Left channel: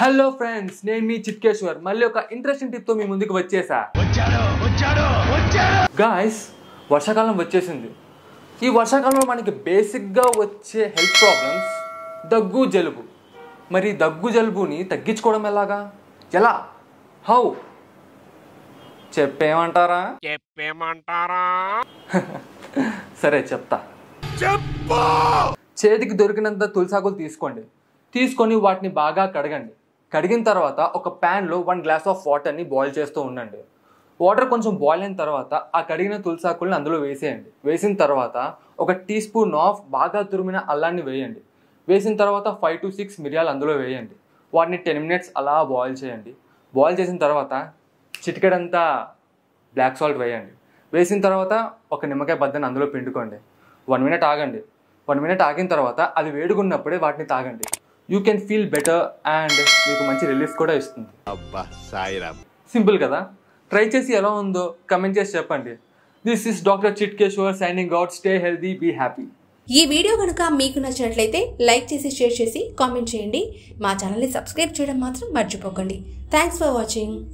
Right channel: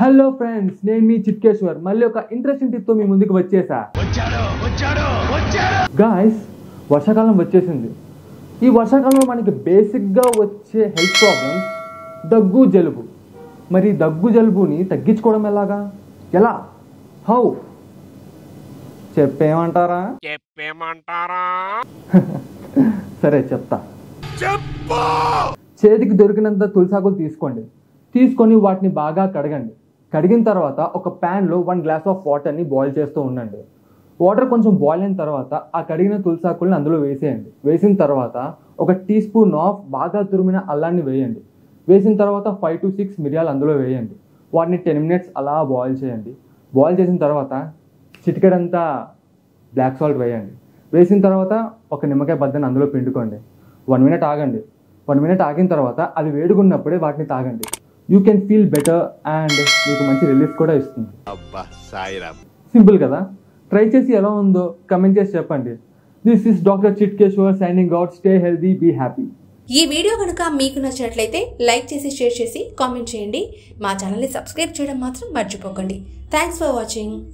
Hello friends, నేను మీ చిట్కేశ్వర్ మళ్ళీ ఒక ఇంట్రెస్టింగ్ టిప్ తో మీ ముందుకు వచ్చేసా. గాయ్స్, వర్షాకాలం వచ్చేసింది. ఈ వర్షాకాలంలో మనకి బేసిక్గా వచ్చే హెల్త్ ప్రాబ్లమ్స్ దగ్గు, జలుబు. మరి దగ్గు, జలుబుని తగ్గించుకోవడం ఎలా? హౌ చెప్పేమంటారా? సరే చెప్తా. చేతికి దొరికినంత తులసాకులు తీసుకొని వాటిని బాగా కడగండి. కడిగిన తర్వాత ఒక ప్యాన్లో 1 గ్లాస్ ఆఫ్ వాటర్ని బాయిల్ చేస్తూ ఉండండి. వాటర్ కొంచెం బాయిల్ అయిన తర్వాత ఆ కడిగిన తులసాకుల్ని అందులో వేసేయండి. వేసిన తర్వాత 1 టీ స్పూన్ ఆఫ్ బాగా తురిమిన అల్లాన్ని వేయండి. వేసిన తర్వాత 5 to 6 మిరియాలు అందులో వేయండి. వాటిని 10 మినిట్స్ అలా బాయిల్ చేయండి. బాయిల్ చేసిన తర్వాత చిటికెడంతా బ్లాక్ సాల్ట్ వేయండి. వేసిన తర్వాత ఒక నిమ్మకాయ బద్దని అందులో పిండుకోండి. 1 మినిట్ ఆగండి. 1 మినిట్ ఆగిన తర్వాత అది వేడుకున్నప్పుడే వాటిని తాగండి. You can feel better and మీకు మంచి రిలీఫ్ కూడా ఇస్తుంది. సింపుల్ కదా? ట్రై చేసి ఎలా ఉందో కమెంట్ చేసి చెప్పండి. This is doctor Chitkeshwar signing out. Stay healthy, be happy. ఈ వీడియో కనుక మీకు నచ్చినట్లయితే లైక్ చేసి, షేర్ చేసి, కామెంట్ చేయండి. మా ఛానల్ని సబ్స్క్రైబ్ చేయడం మాత్రం మర్చిపోకండి. Thanks for watching.